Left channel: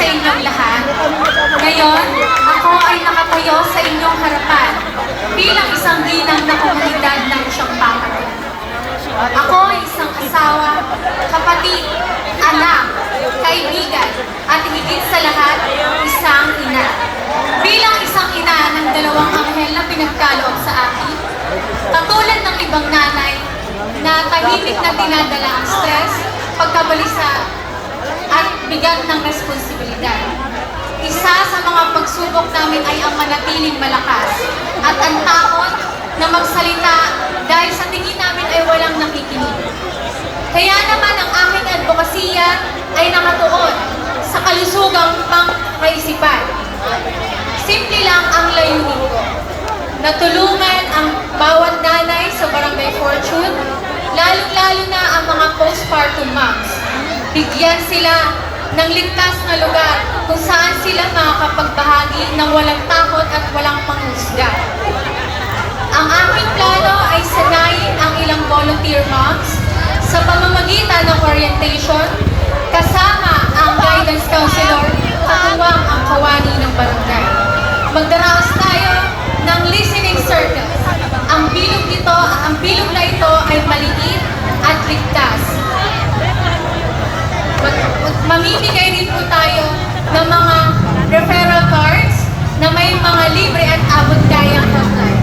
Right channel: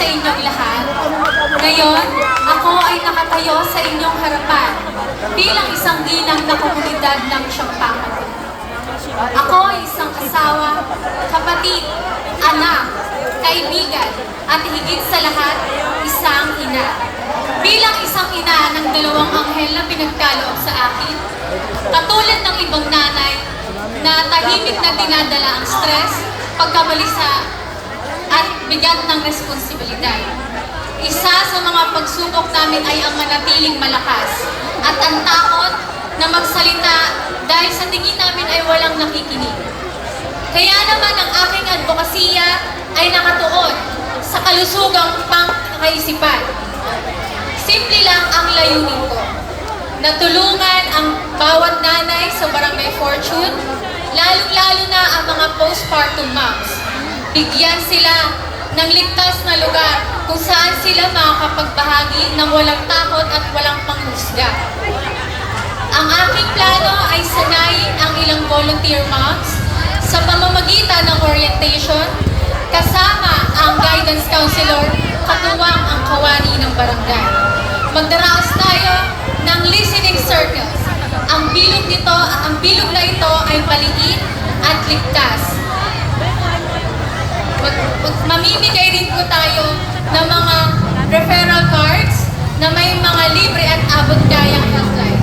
sa inyong lahat. Ngayon, ako ay nakatayo sa inyong harapan bilang isang ginang na komunidad ng Champakat. Ako ay isang asawa, kapatid, anak, kaibigan, at higit sa lahat, isang ina. Bilang isang ina ng dalawang anghel na pinagkaloob sa akin, katulad ng ibang nanay na tahimik na dinadala ang stress, pagkabalisa, at bigat ng responsibilidad. Isa sa mga pagsubok namin ay ang manatiling malakas at ang takot na magsalita dahil sa tingin namin ay walang nakikinig. Kaya naman ang aking advokasya ay nakatuon sa kalusugang pangkaisipan. Simple lang ang layunin ko, na tulungan ang bawat nanay sa Barangay Fortune, lalo-lalo na ang mga postpartum moms. Bigyan sila ng ligtas na lugar kung saan sila makakapagbahagi ng walang takot at walang panghusga. Ang aking plano ay sanayin ang ilang volunteer moms sa pamamagitan ng orientation, kasama ang guidance counselor, katuwang ang kawani ng barangay. Magdaraos tayo ng listening circles. Ang bilog na ito ay maliit at ligtas. Mamimigay din po tayo ng mga referral cards na may mga libre at abot-kayang hotline.